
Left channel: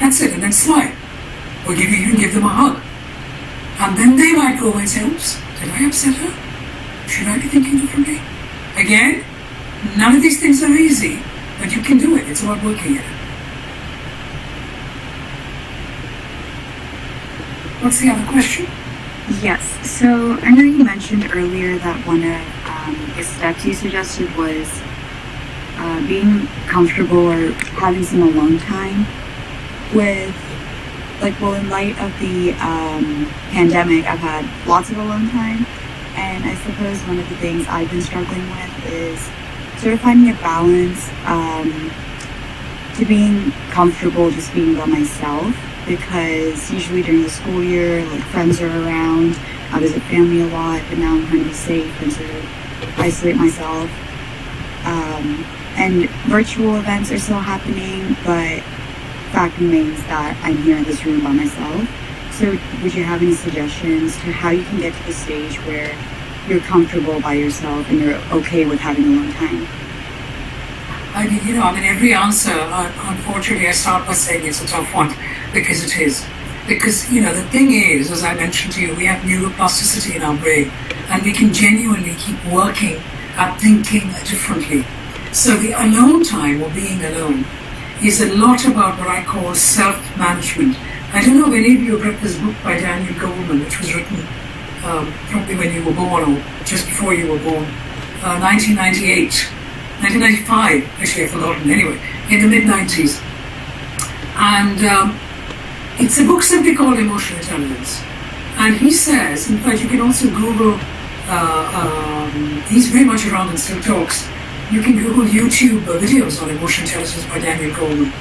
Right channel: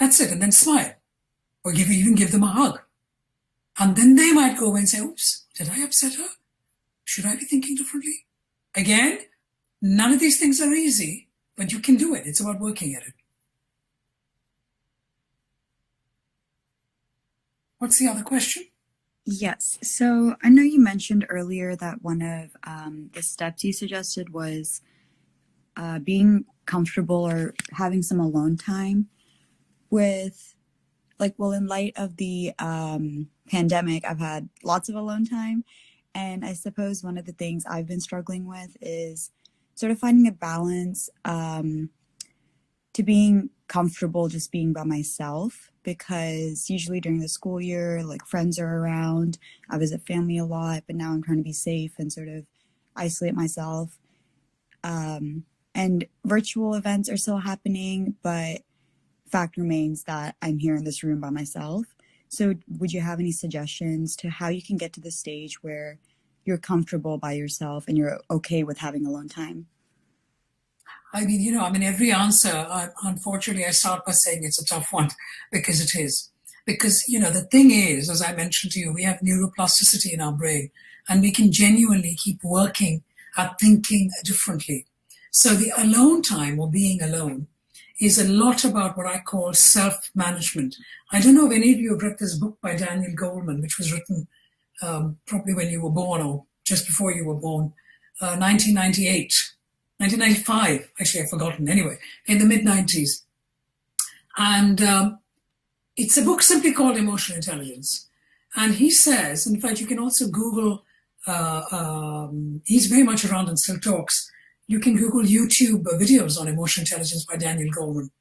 That's it, and then smile. Or you can give them a hug. And then they might go away and say, oops, did I upset her? Should I be thinking differently? Again, none of these things are easy, but you can do it. It's about working at it. What's the other question? Yes. So I know you mentioned earlier that one of the steps you suggested was being comfortable or having some alone time with, in light of the pandemic, I've had lots of alone time. And I suppose one of the things I've been struggling with is sort of finding a balance to being comfortable just being by myself, because usually during the school year, friends are around, I visit family a lot, but now I'm trying to be safe and sort of isolate myself. And virtual events are still happening, but fact remains that I'm here in this room by myself. So would you have any suggestions to how you can get to the stage where you're comfortable by yourself and you're okay with having alone time? Every answer, unfortunately, I start by saying it's a tough one, because it is. Because, the thing is, as I mentioned to you, we have neuroplasticity in our brain, and we can genuinely keep working at thinking differently. So the alone time, or being alone, is a lot about what I call self-management. I don't know if any of you have read this book by Daniel Goleman, which was written probably when you were born or just before you were born, 1995, actually I've forgotten, anyway, in the mid-90s. And it's a book simply called Emotional Intelligence. And he says, in fact, you can also Google, he's very much around and still talks. You can Google YouTube videos on emotional intelligence by Daniel Goleman.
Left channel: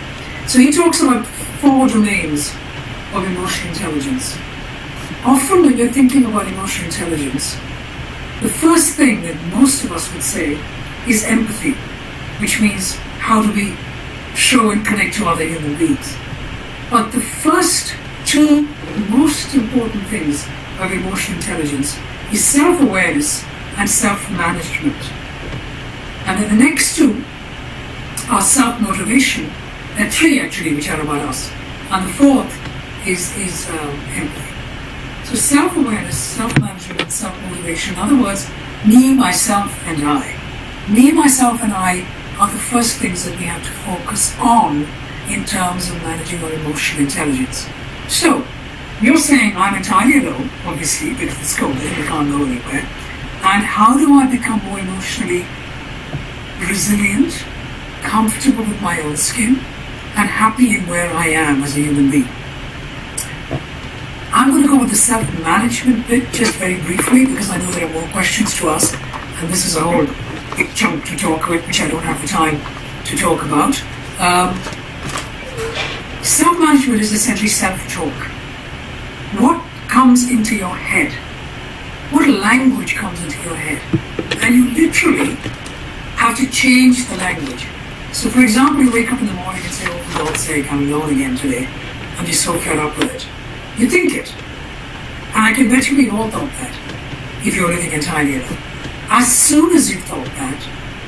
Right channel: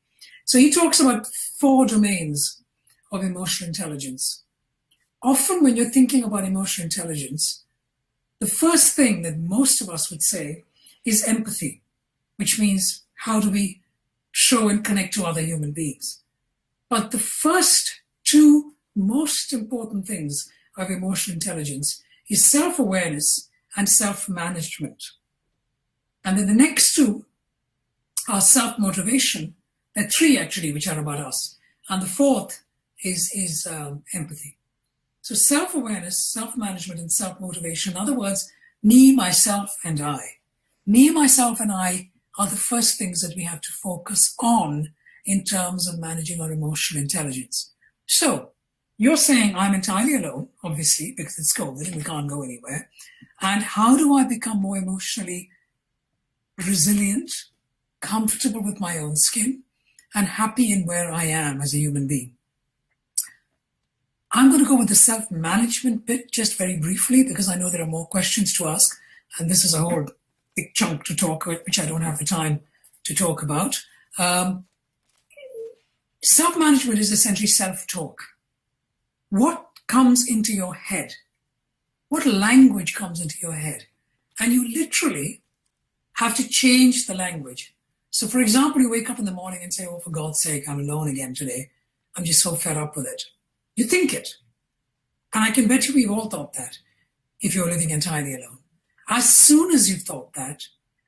So he talks about 4 domains of emotional intelligence. Often when you're thinking about emotional intelligence, the first thing that most of us would say is empathy, which means how do we show and connect to other human beings. But the first 2 most important things of emotional intelligence is self-awareness and self-management. And then the next 2 are self-motivation, and 3 actually, which are about us. And the 4th is empathy. So self-awareness, self-management, and self-motivation. In other words, me, myself, and I. Me, myself, and I are the first things that we have to focus on in terms of managing our emotional intelligence. So, you're saying I'm entirely alone, obviously, because it's COVID and we can't go anywhere. And how do I become more emotionally resilient, comfortable with my own skin, and happy in where I am as a human being? I'm going to go with the self-management bit just very briefly because I know there are more questions to ask, and this is a whole big chunk to talk about, which I don't have the time to talk about. Self-management is essentially self-talk. What comes into your head? What language comes into your head? And you literally have to change the language. So for example, you wake up in the morning and say, oh, for God's sake, I'm alone again today. I'm just so fed up with it. You think it. And I can bet you we've all thought that if you're living entirely alone. As soon as you've thought that,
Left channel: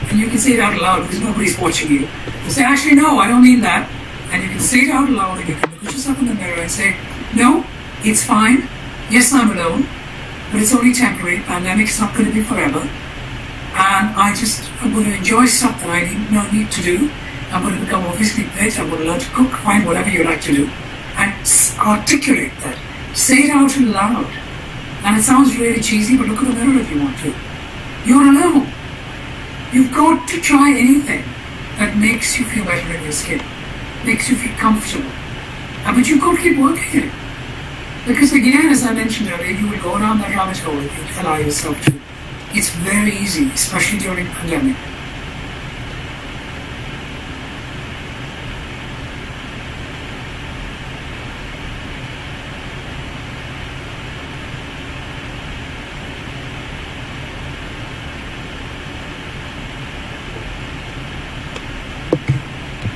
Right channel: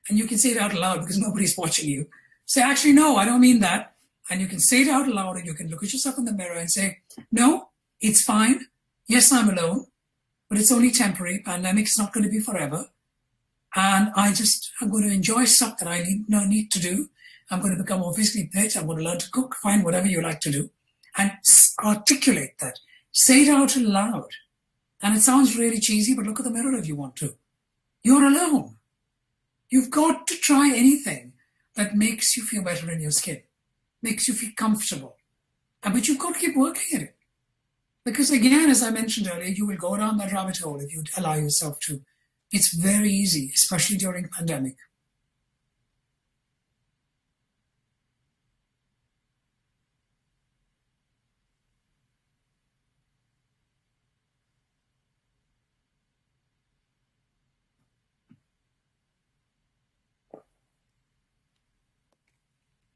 and you can say it out loud because nobody's watching you, you say, actually, no, I don't mean that. And you can say it out loud and you can look at yourself in the mirror and say, no, it's fine. Yes, I'm alone, but it's only temporary. Pandemic's not going to be forever. And I'm going to enjoy stuff that I need to do. I'm going to become more physically fit. I'm going to learn to cook, find whatever you like to do. And articulate that. Say it out loud. And it sounds really cheesy, but look at the mirror if you want to. You're alone. You've got to try anything that makes you feel better in your skin, makes you feel comfortable. But you've got to keep working it. Because again, as I mentioned earlier, you will go down that rabbit hole if you allow yourself to. It's very easy, especially during the pandemic.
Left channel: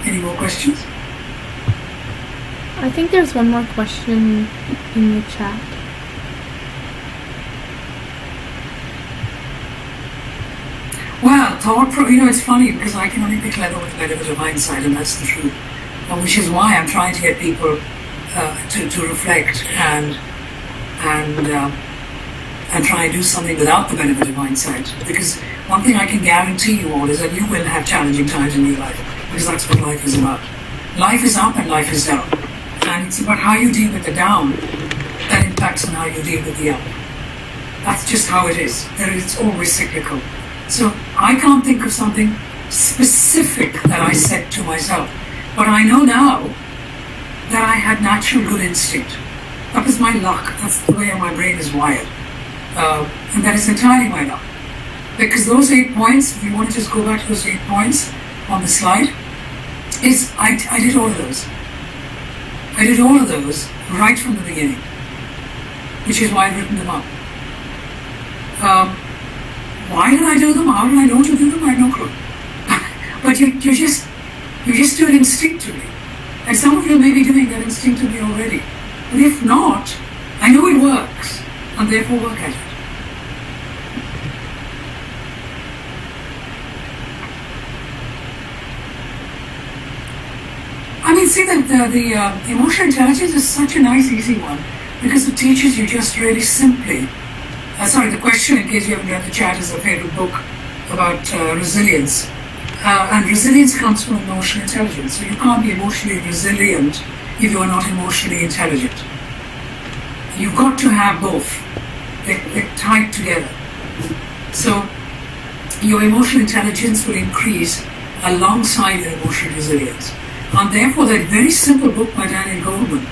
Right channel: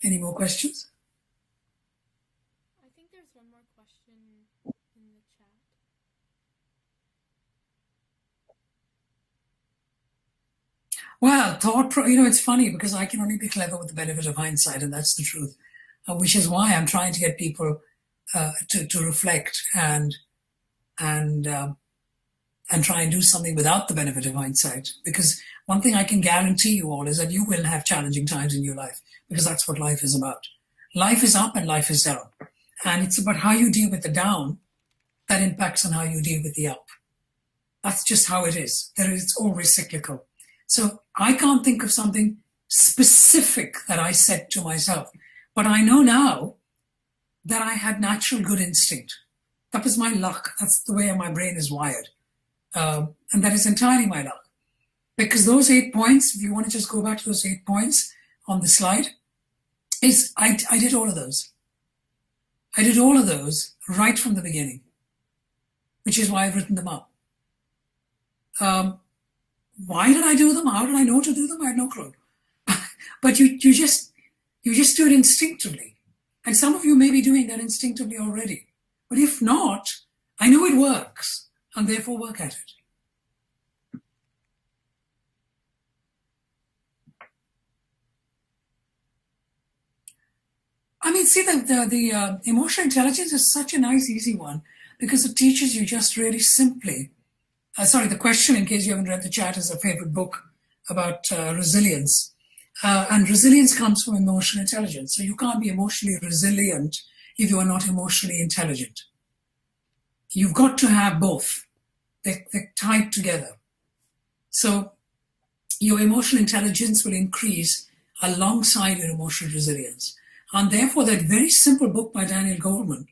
Any more questions? I think there's one more question in the chat. Well, it's funny because I can only be clever with the benefit of hindsight, and that's the truth. Which is why I'm trying to get people to reflect and try and do something without the benefit of hindsight. Because one thing I can guarantee you all is that you will have challenging times in your life, because that's what life is about. Life is up and life is down. And it's about how you deal with the down that impacts on how you deal with the up. That's just how it is. It's always cyclical. So I can't think of something specific that I said to myself. But I know now that I had natural good instinct. That was my luck. That's the way my brain is wired. And that is entirely my luck. Because those 8 points, if you want to just go back to those 8 points on the slide, I did all of those. I did all of those right from the beginning, which is why I've written them up. Why did I do them? How did I know to do them? I have no clue. But you just do it instinctively. And some of you may be doing that instinctively already. But if not, I know it works, and therefore work at it. I mean, see that the emotional intelligence is such a nice, easy one because it teaches you just really simply. The question, in case you haven't read the chat, is a favorite book about resilience. And resilience comes from emotional intelligence. So you can't be emotionally resilient if you are not emotionally intelligent. You've got to have both. They're tied together. So your emotional intelligence will increase alongside your emotional resilience. And therefore, that very simple book by Daniel Goleman,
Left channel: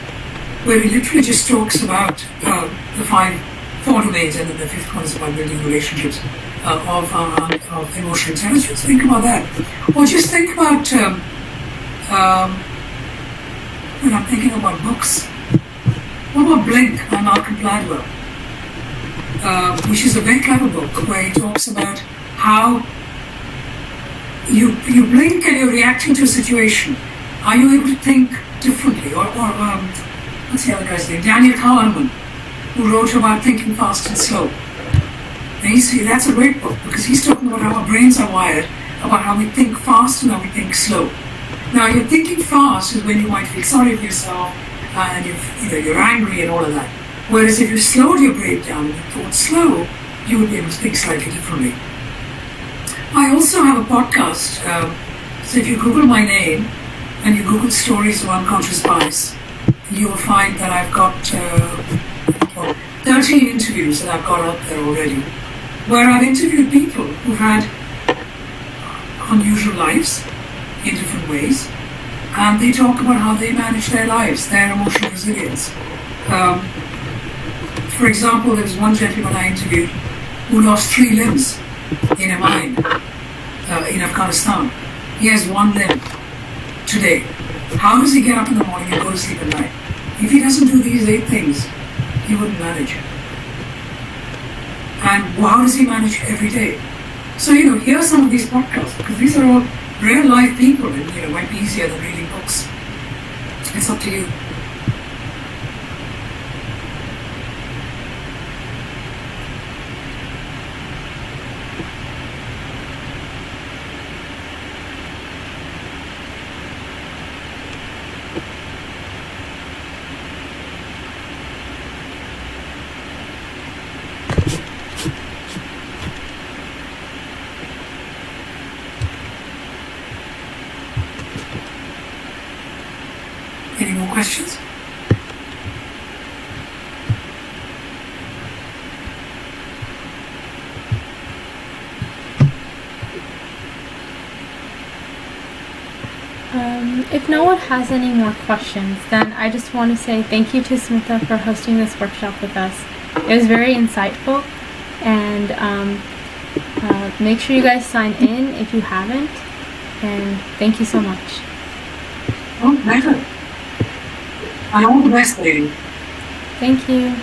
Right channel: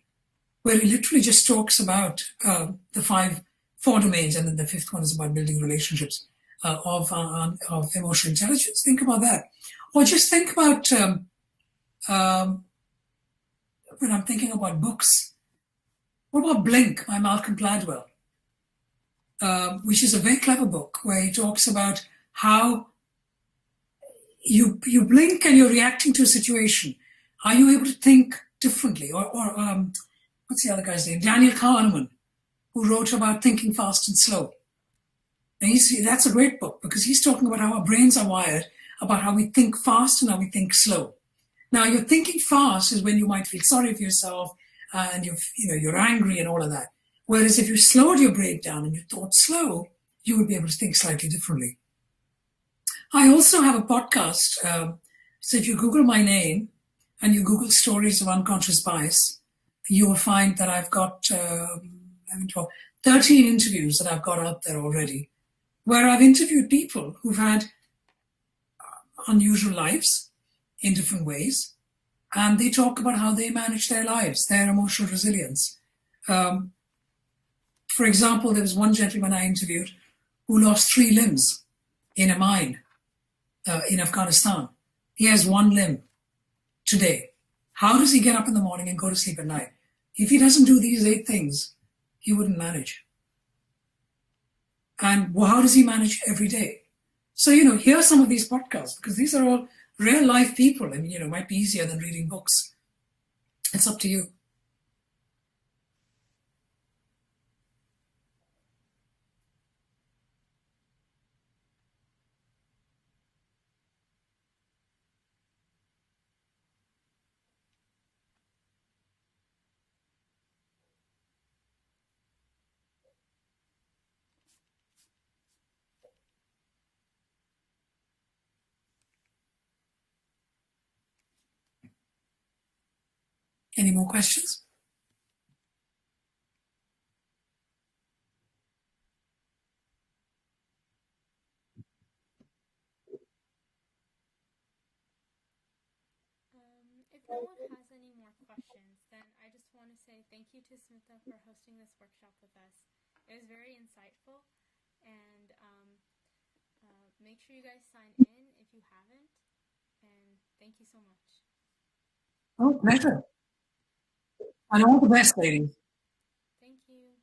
where he literally just talks about the four domains, and then the fifth one is about building relationships of emotional intelligence. Think about that. Or just think about, when I'm thinking about books, what about Blink by Malcolm Gladwell? Which is a very clever book where he talks about how you blink and you're reacting to a situation. Are you able to think differently? Or what's the other guy's name? Daniel Kahneman, who wrote about thinking fast and slow. And that's a great book because he's talking about how our brains are wired, about how we think fast and how we think slow. Now, you're thinking fast is when you might feel sorry for yourself and you're angry and all of that. Whereas if you slowed your brain down and you thought slow, you would be able to think slightly differently. I also have a podcast. So if you Google my name and you Google stories of unconscious bias, you will find that I've got 13 interviews that I've got out there already, where I've interviewed people who've had unusual lives in different ways, and they talk about how they manage their lives, their emotional resilience. For example, there was one gentleman I interviewed who lost 3 limbs in a mine in Afghanistan. He has 1 limb today. How does he get up in the morning and go to sleep at night? If he doesn't do these 8 things, he wouldn't manage. And how does he manage every day? So, hear some of these podcasts, because these are all real life people, and it might be easier than reading books. It's up to you. Any more questions? If no one has any more questions, then I just want to say thank you to Smita for hosting this workshop with us. It was very insightful, and make sure you guys sign in if you haven't, and thank you so much. Oh, better. And all the best, lady. Thank you.